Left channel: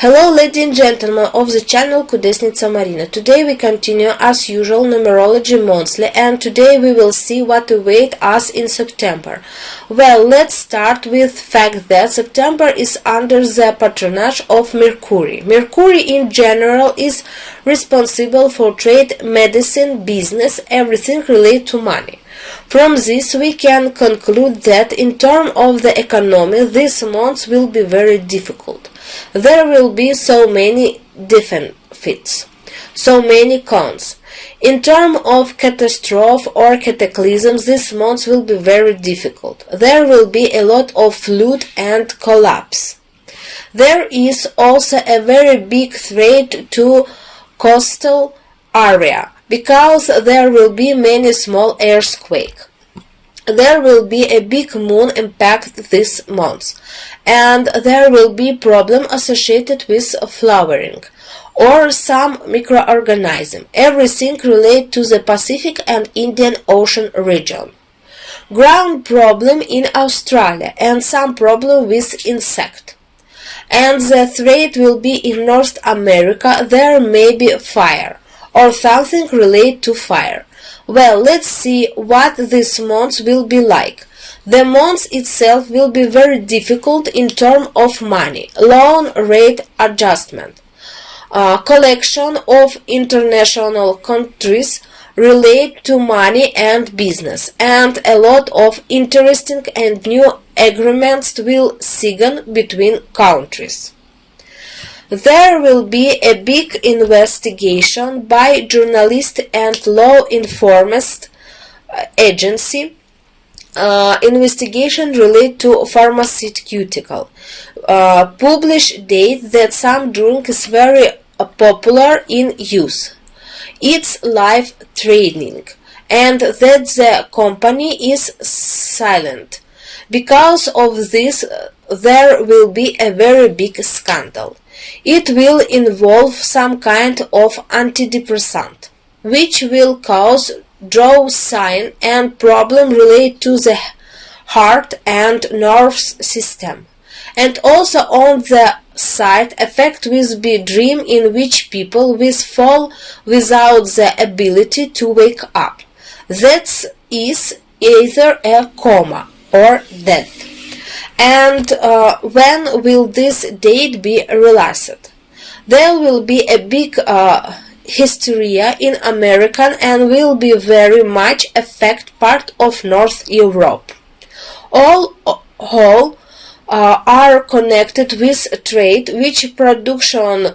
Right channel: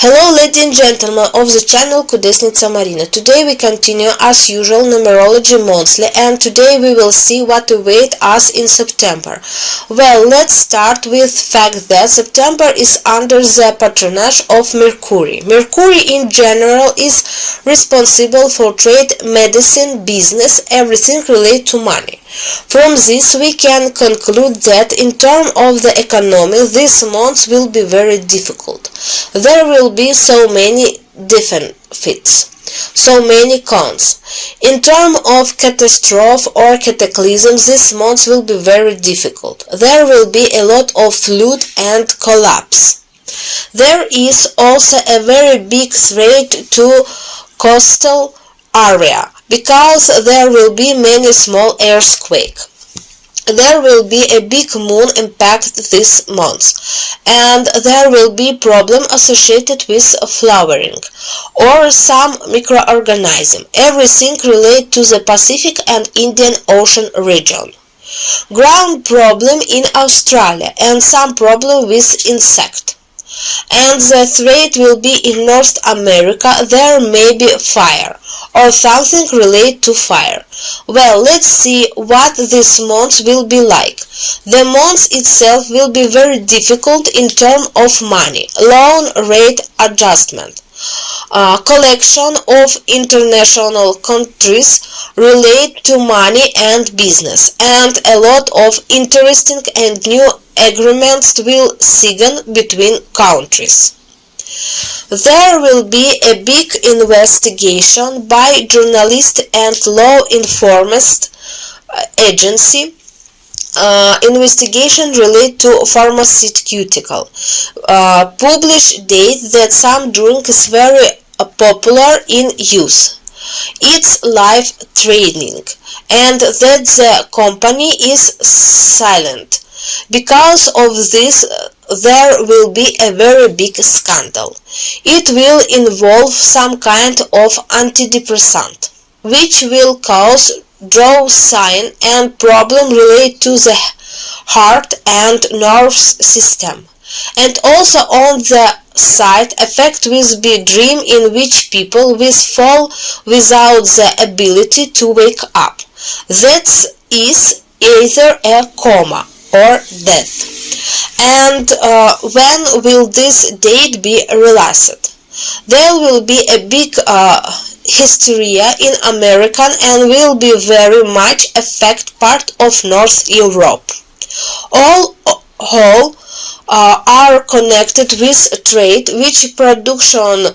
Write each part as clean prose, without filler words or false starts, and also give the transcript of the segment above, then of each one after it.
Hello ladies and gentlemen of the channel Kudesnica Marina. Today we continue as usual numerology monthly, and today we will see what awaits us in September. Well, let's start with fact that September is under the patronage of Mercury. Mercury in general is responsible for trade, medicine, business, everything related to money. From this we can conclude that in terms of the economy this month will be very difficult. There will be so many defects, so many cons. In terms of catastrophe or cataclysms this month will be very difficult. There will be a lot of flood and collapse. There is also a very big threat to coastal area, because there will be many small earthquakes. There will be a big moon impact this month, and there will be problem associated with flowering or some microorganism, everything related to the Pacific and Indian Ocean region. Ground problem in Australia and some problem with insect. And the threat will be in North America. There may be fire or something related to fire. Well, let's see what this month will be like. The month itself will be very difficult in terms of money, loan rate adjustment, collection of international countries relate to money and business, and a lot of interesting and new agreements will sign between countries. There will be a big investigation by journalists and law enforcement agency. Investigation related to pharmaceutical. Publish date that some drink is very popular in use. It's life threatening, and that the company is silent. Because of this, there will be a very big scandal. It will involve some kind of antidepressant, which will cause draw sign and problem related to the heart and nervous system. And also on the side effect will be dream in which people will fall without the ability to wake up. That is either a coma or death. And when will this date be realized? There will be a big hysteria in America and will be very much affect part of North Europe. All are connected with trade, which production.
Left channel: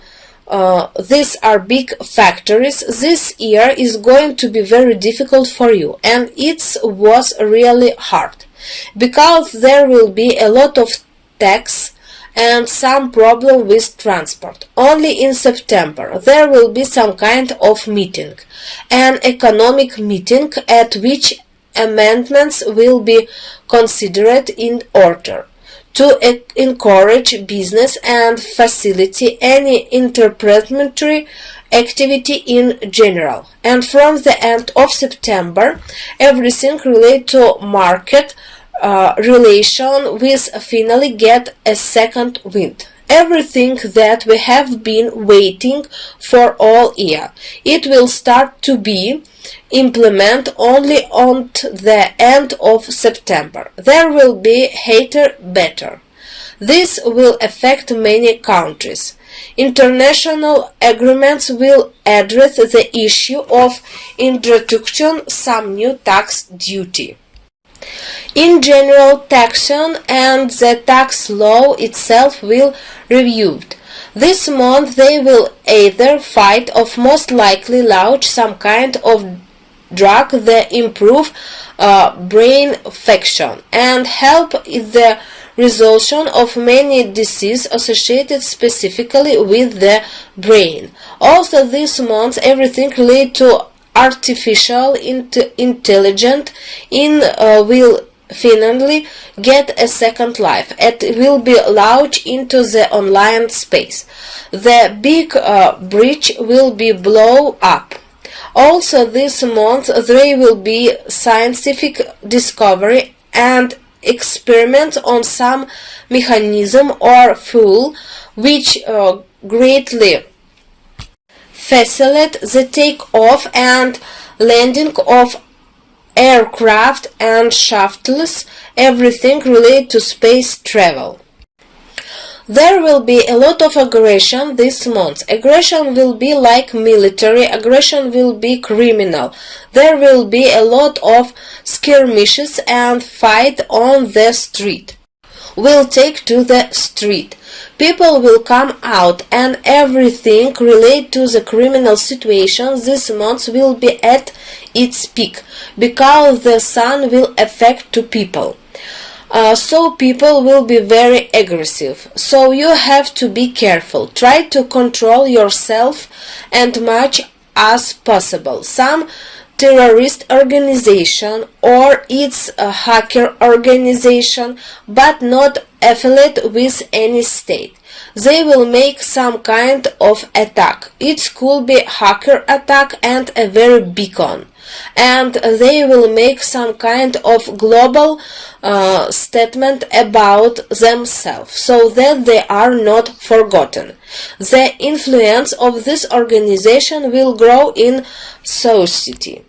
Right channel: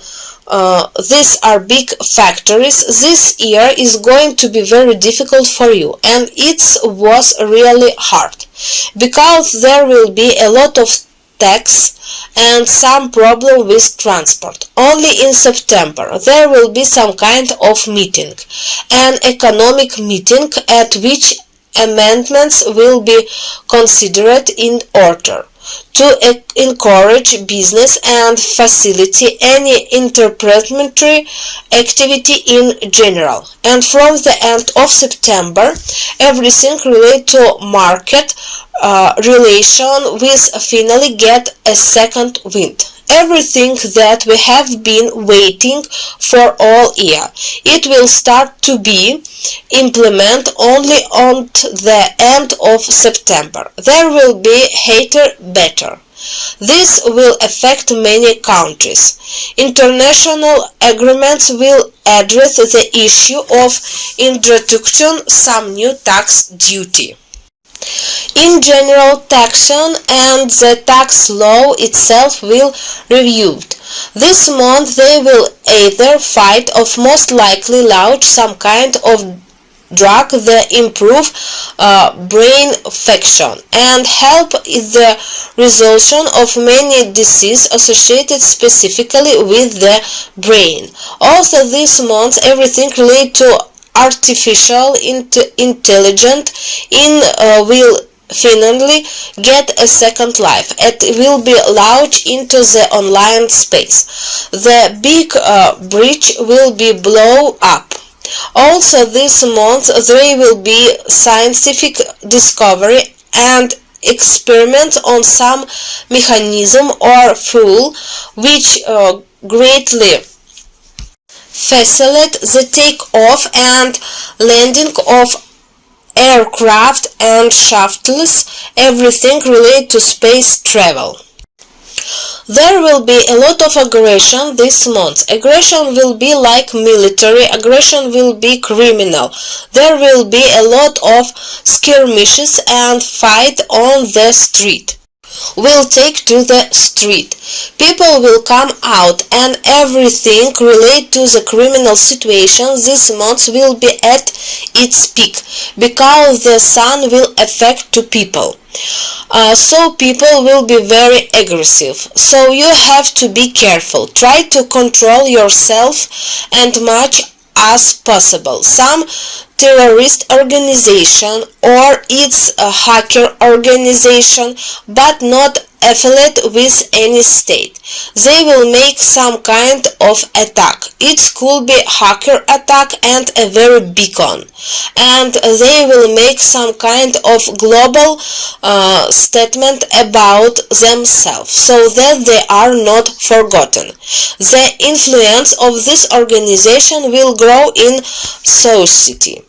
These are big factories. This year is going to be very difficult for you, and it was really hard, because there will be a lot of tax and some problem with transport. Only in September there will be some kind of meeting, an economic meeting at which amendments will be considered in order to encourage business and facilitate any interpretatory activity in general. And from the end of September, everything related to market relation will finally get a second wind. Everything that we have been waiting for all year, it will start to be implemented only on the end of September. There will be hater better. This will affect many countries. International agreements will address the issue of introduction some new tax duty. In general, taxation and the tax law itself will reviewed. This month they will either fight or most likely launch some kind of drug that improve brain function and help in the resolution of many diseases associated specifically with the brain. Also this month everything related to artificial intelligence will finally get a second life. It will be launched into the online space. The big bridge will be blown up. Also this month there will be scientific discovery and experiment on some mechanism or fuel which greatly facilitate the takeoff and landing of aircraft and shuttles, everything related to space travel. There will be a lot of aggression this month. Aggression will be like military, aggression will be criminal. There will be a lot of skirmishes and fight on the street. Will take to the street. People will come out and everything related to the criminal situation this month will be at its peak because the sun will affect to people. So people will be very aggressive. So you have to be careful. Try to control yourself and much as possible. Some terrorist organization or it's a hacker organization but not affiliate with any state. They will make some kind of attack. It could be hacker attack and a very big one. And they will make some kind of global statement about themselves so that they are not forgotten. The influence of this organization will grow in society.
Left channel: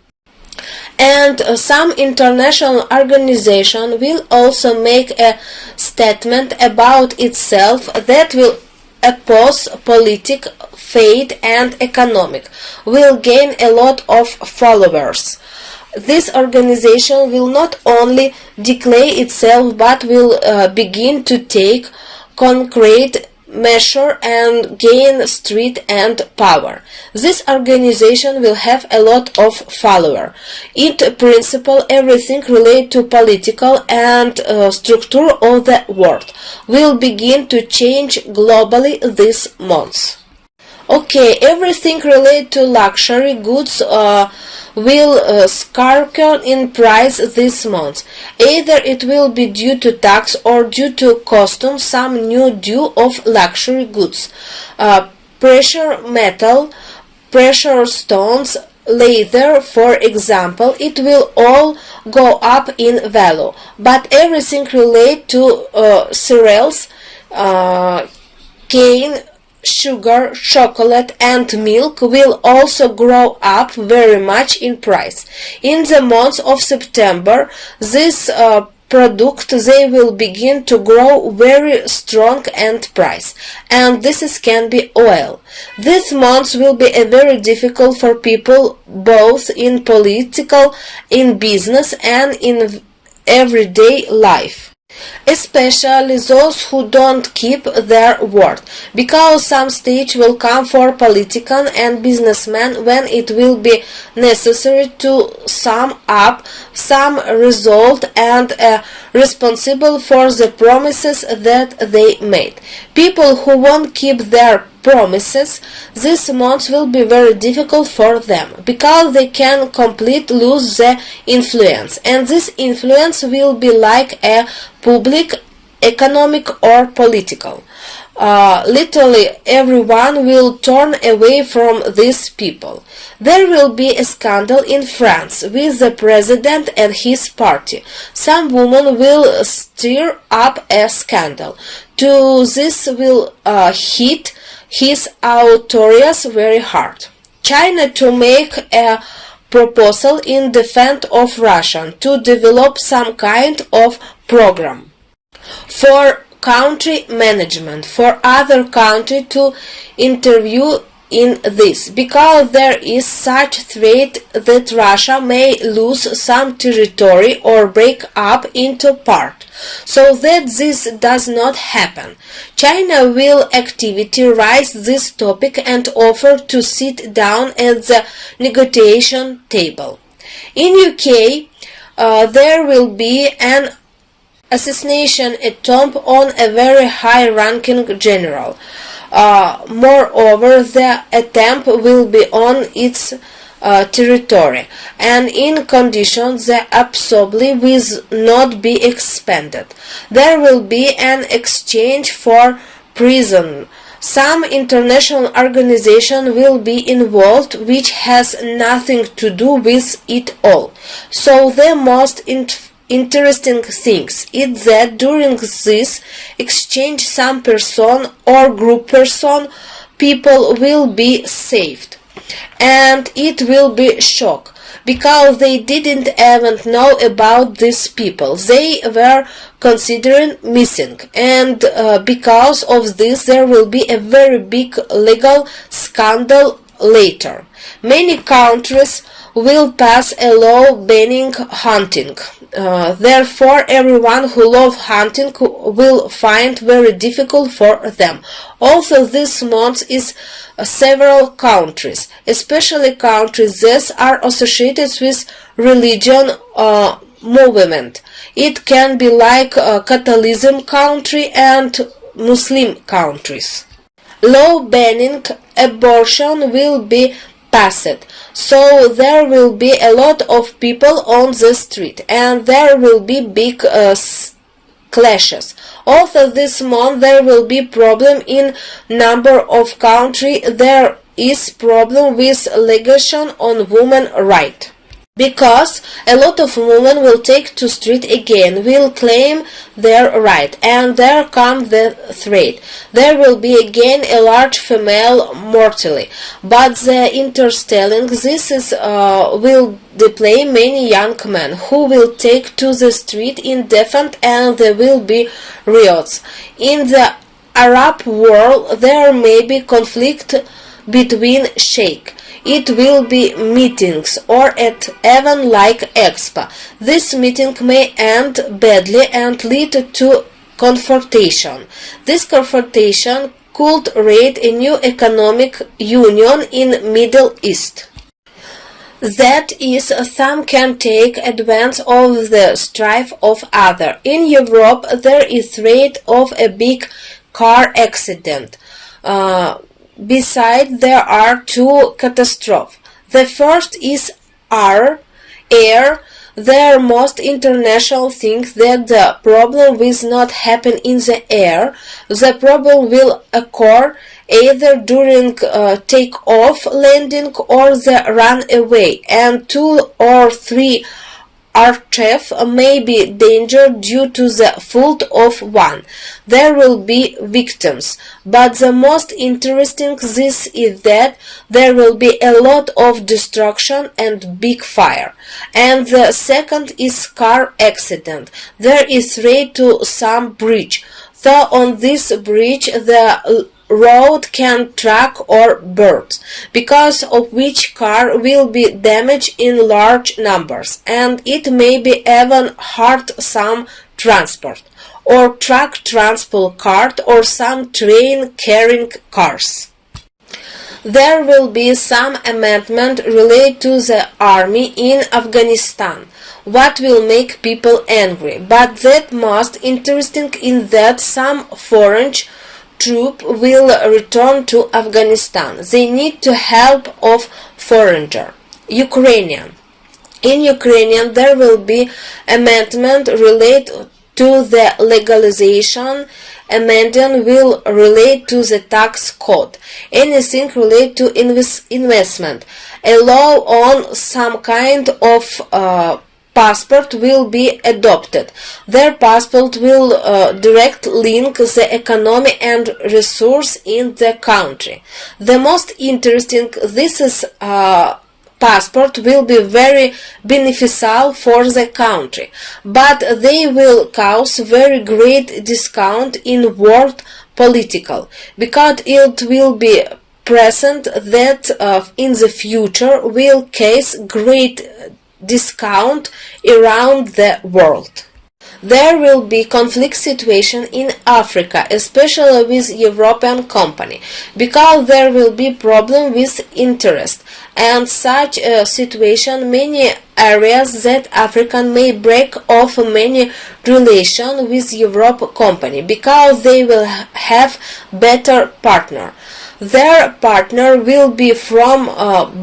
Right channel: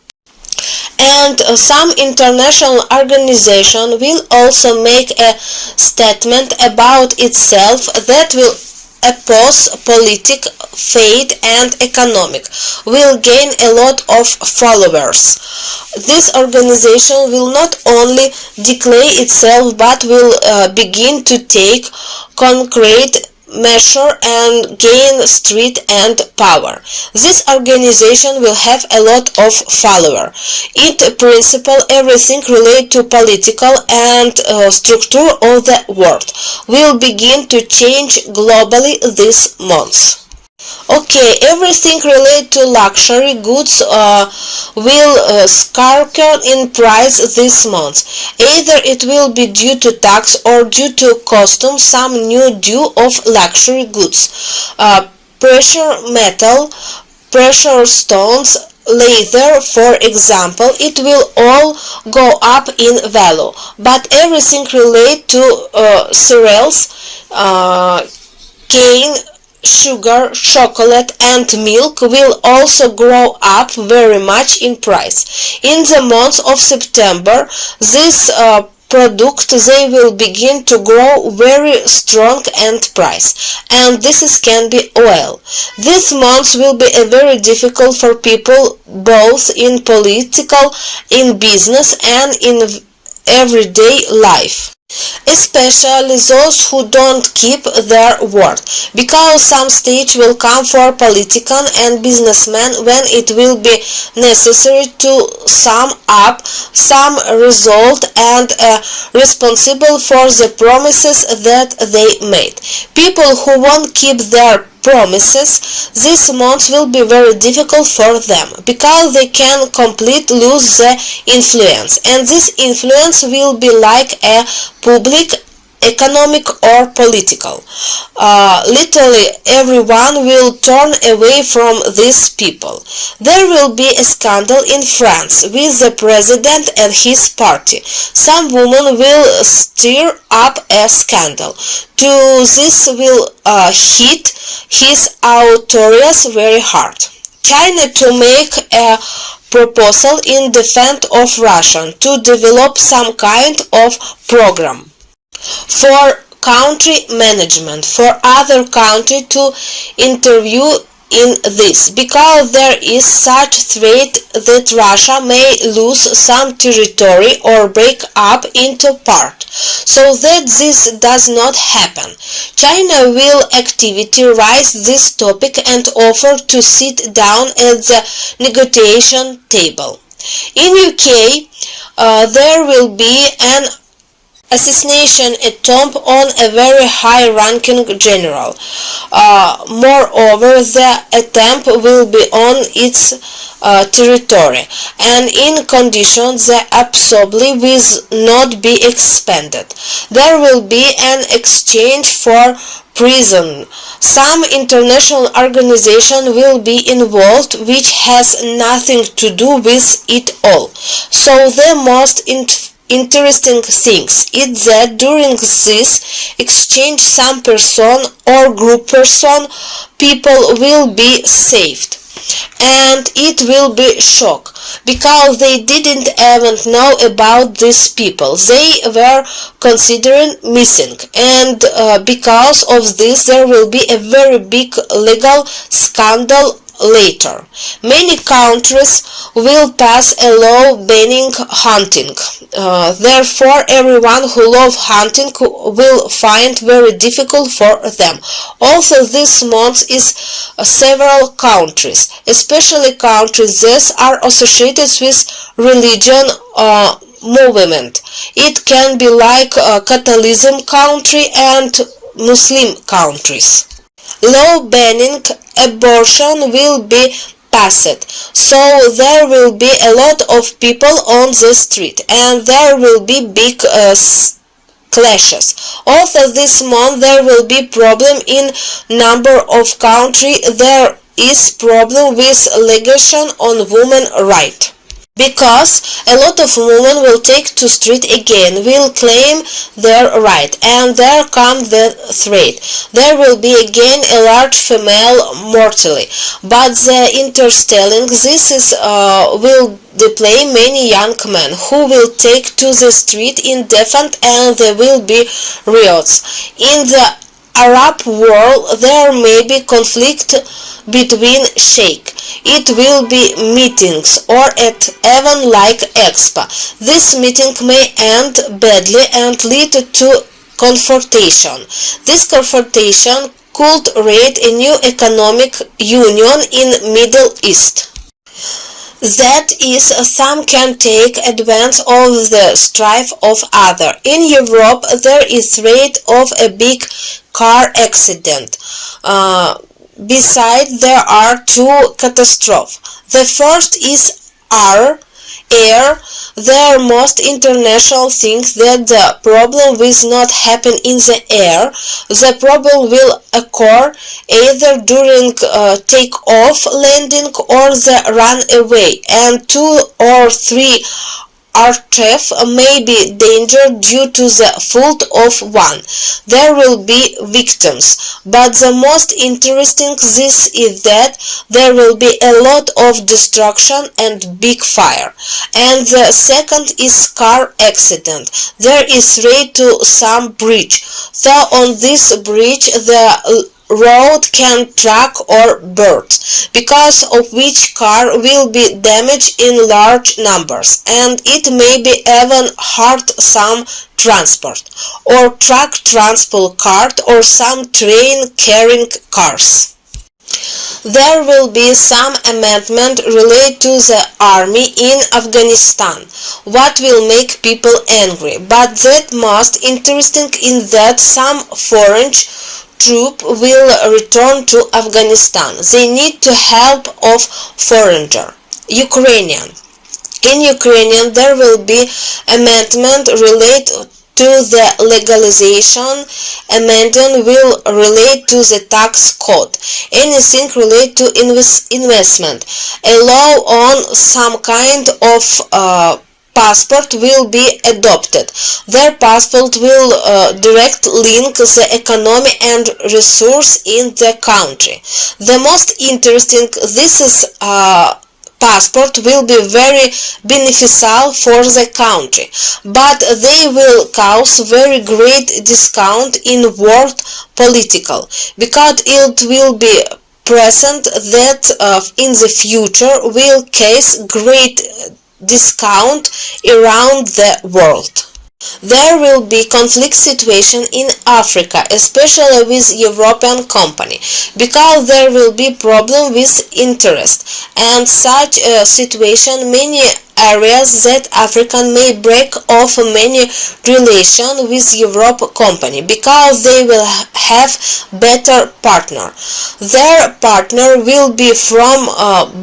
And some international organization will also make a statement about itself that will oppose political, faith and economic, will gain a lot of followers. This organization will not only declare itself but will begin to take concrete measure and gain street and power. This organization will have a lot of followers. In principle, everything related to political and structure of the world will begin to change globally this month. Okay, everything related to luxury goods will skyrocket in price this month. Either it will be due to tax or due to custom, some new due of luxury goods. Precious metal, precious stones, leather, for example, it will all go up in value. But everything related to cereals, cane, sugar, chocolate and milk will also grow up very much in price. In the month of September, this product they will begin to grow very strong and price, and this can be oil. This month will be a very difficult for people both in political, in business and in everyday life. Especially those who don't keep their word, because some stage will come for politicians and businessmen when it will be necessary to sum up some result and responsible for the promises that they made. People who won't keep their promises this month will be very difficult for them because they can completely lose the influence, and this influence will be like a public, economic or political. Literally everyone will turn away from these people. There will be a scandal in France with the president and his party. Some woman will stir up a scandal. To this will hit his authorities very hard. China to make a proposal in defense of Russia to develop some kind of program for country management, for other country to interview in this, because there is such threat that Russia may lose some territory or break up into part. So that this does not happen, China will actively raise this topic and offer to sit down at the negotiation table. In UK, there will be an assassination attempt on a very high-ranking general. Moreover, the attempt will be on its territory, and in conditions that absolutely will not be expanded. There will be an exchange for prison. Some international organization will be involved which has nothing to do with it all. So the most interesting things is that during this exchange some person or group person people will be saved, and it will be shock because they didn't even know about these people. They were considering missing, and because of this there will be a very big legal scandal later. Many countries will pass a law banning hunting. Therefore, everyone who loves hunting will find very difficult for them. Also, this month is several countries, especially countries that are associated with religion movement. It can be like Catholicism country and Muslim countries. Law banning abortion will be passed, so there will be a lot of people on the street and there will be big clashes. Also this month there will be problem in number of countries. There is problem with legislation on women right, because a lot of women will take to street again, will claim their right, and there comes the threat. There will be again a large female mortality, but the interstelling this is will display many young men who will take to the street in defense, and there will be riots. In the Arab world there may be conflict between sheikh. It will be meetings or at even like expo. This meeting may end badly and lead to confrontation. This confrontation could create a new economic union in Middle East. That is, some can take advantage of the strife of others. In Europe there is threat of a big car accident. Besides, there are two catastrophes. The first is air. The most international thinks that the problem will not happen in the air. The problem will occur either during takeoff, landing, or the runaway, and 2 or 3 aircraft may be danger due to the fault of one. There will be victims, but the most interesting this is that there will be a lot of destruction and big fire. And the second is car accident. There is threat to some bridge, so on this bridge the road can track or burst, because of which car will be damaged in large numbers, and it may be even hurt some transport or truck transport cart or some train carrying cars. There will be some amendment related to the army in Afghanistan, what will make people angry, but that most interesting is that some foreign troops will return to Afghanistan. They need to help of foreigner. Ukrainian. In Ukrainian there will be amendment related to the legalization. Amendment will relate to the tax code. Anything related to investment. A law on some kind of passport will be adopted. Their passport will direct link the economy and resource in the country. The most interesting, this is passport will be very beneficial for the country, but they will cause very great discount in world political, because it will be present that in the future will cause great discount around the world. There will be conflict situation in Africa, especially with European company, because there will be problem with interest, and such a situation many areas that Africa may break off many relation with Europe company, because they will have better partner. Their partner will be from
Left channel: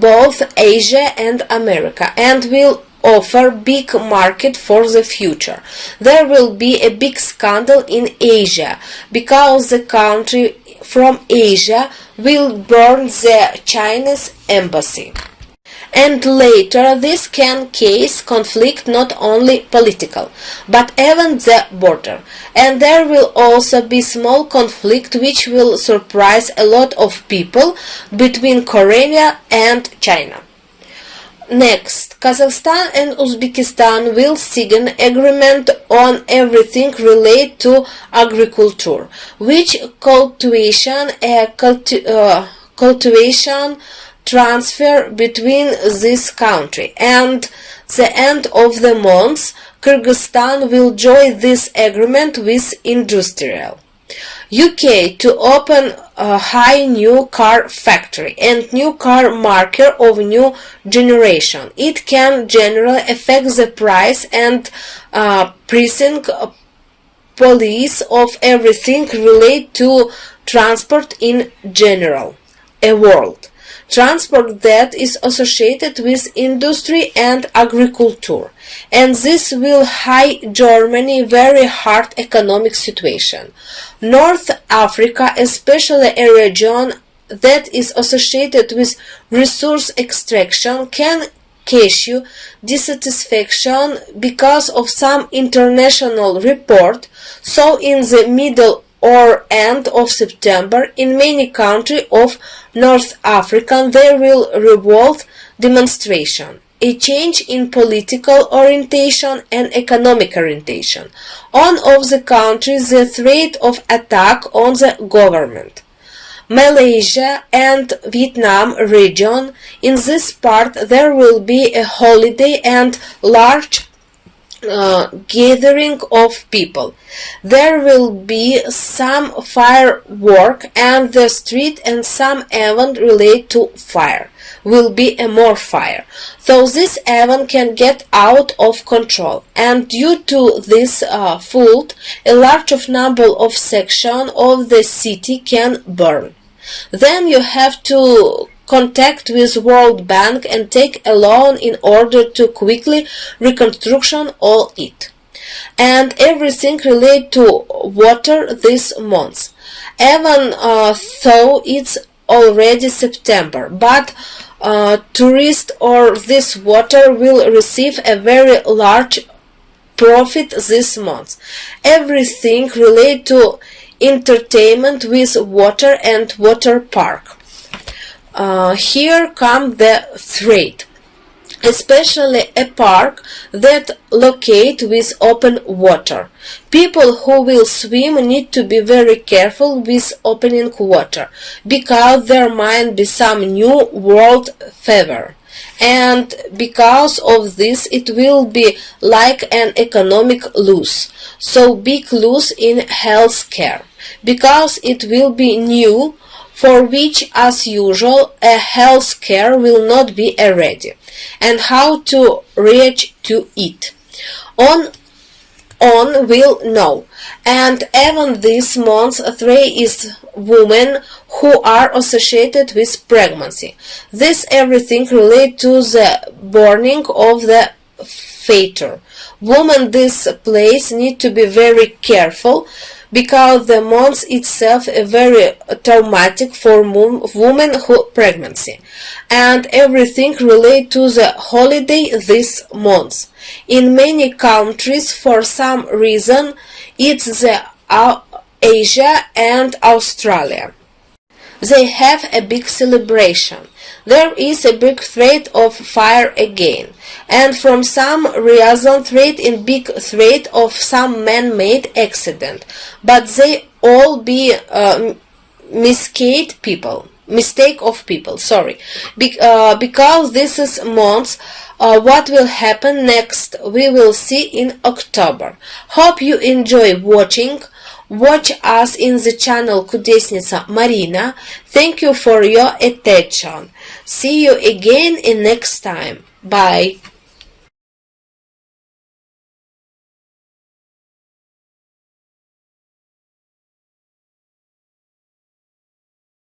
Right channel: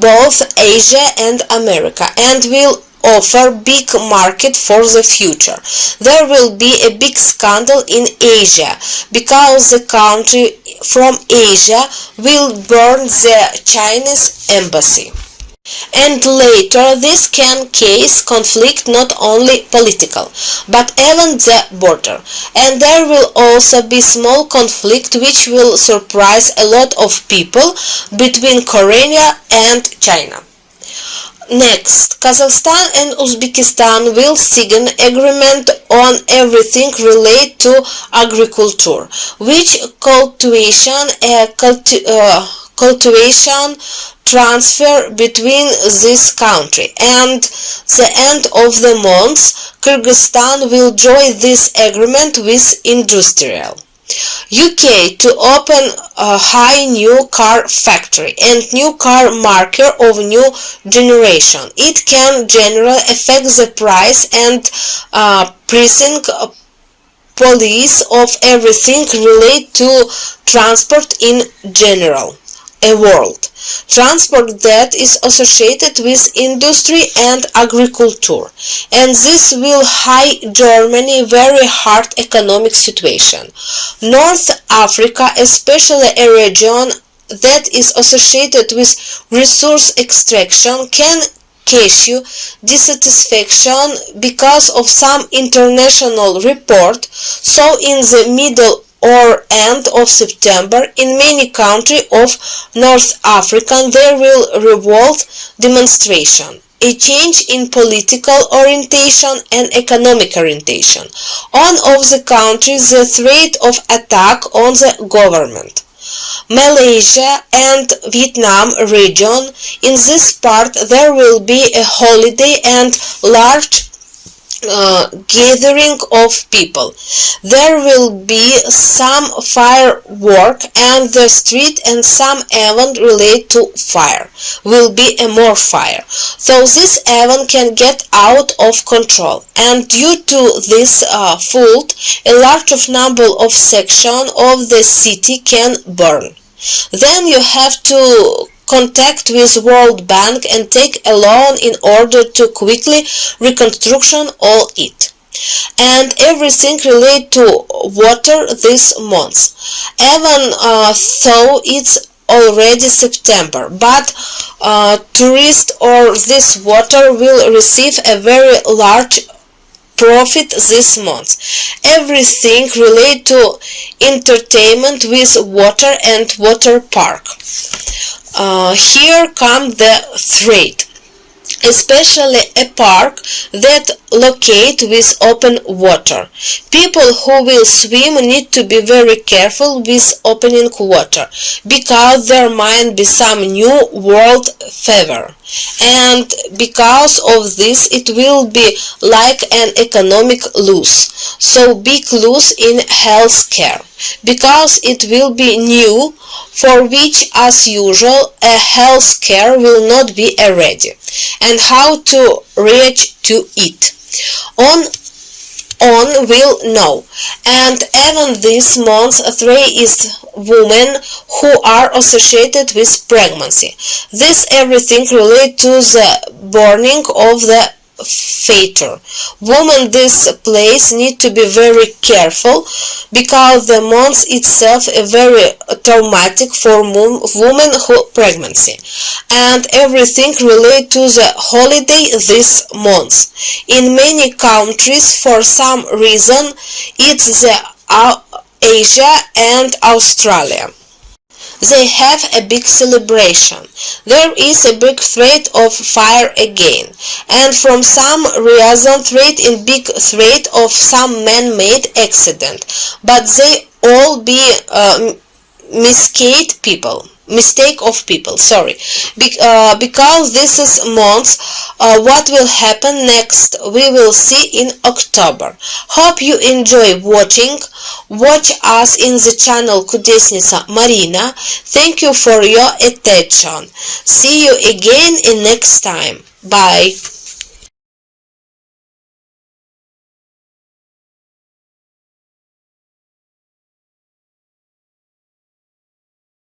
both Asia and America, and will offer big market for the future. There will be a big scandal in Asia, because the country from Asia will burn the Chinese embassy. And later this can cause conflict not only political, but even the border. And there will also be small conflict which will surprise a lot of people between Korea and China. Next, Kazakhstan and Uzbekistan will sign agreement on everything related to agriculture, which cultivation transfer between this country, and the end of the month Kyrgyzstan will join this agreement with industrial UK to open a high new car factory and new car marker of new generation. It can generally affect the price and pricing policy of everything related to transport in general. A world transport that is associated with industry and agriculture, and this will high Germany very hard economic situation. North Africa, especially a region that is associated with resource extraction, can issue dissatisfaction because of some international report. So in the middle or end of September, in many countries of North Africa there will revolt demonstration, a change in political orientation and economic orientation. On of the countries the threat of attack on the government. Malaysia and Vietnam region, in this part there will be a holiday and large gathering of people. There will be some firework and the street, and some event related to fire will be a more fire. So this event can get out of control, and due to this fault a large number of sections of the city can burn. Then you have to contact with World Bank and take a loan in order to quickly reconstruction all it. And everything related to water this month. Even though it's already September, but tourists or this water will receive a very large profit this month. Everything related to entertainment with water and water park. Here come the threat, especially a park that locate with open water. People who will swim need to be very careful with opening water, because there might be some new world fever, and because of this it will be like an economic loss, so big loss in health care, because it will be new, for which as usual a health care will not be ready, and how to reach to it on will know. And even this month there is women who are associated with pregnancy. This everything related to the burning of the fetus. Women this place need to be very careful, because the month itself is very traumatic for women who pregnancy, and everything related to the holiday this month. In many countries for some reason it's the Asia and Australia. They have a big celebration. There is a big threat of fire again, and from some reason threat in big threat of some man-made accident, but they all be mistake of people, sorry, because this is months. What will happen next we will see in October. Hope you enjoy watching. Watch us in the channel Kudesnica Marina. Thank you for your attention. See you again in next time. Bye.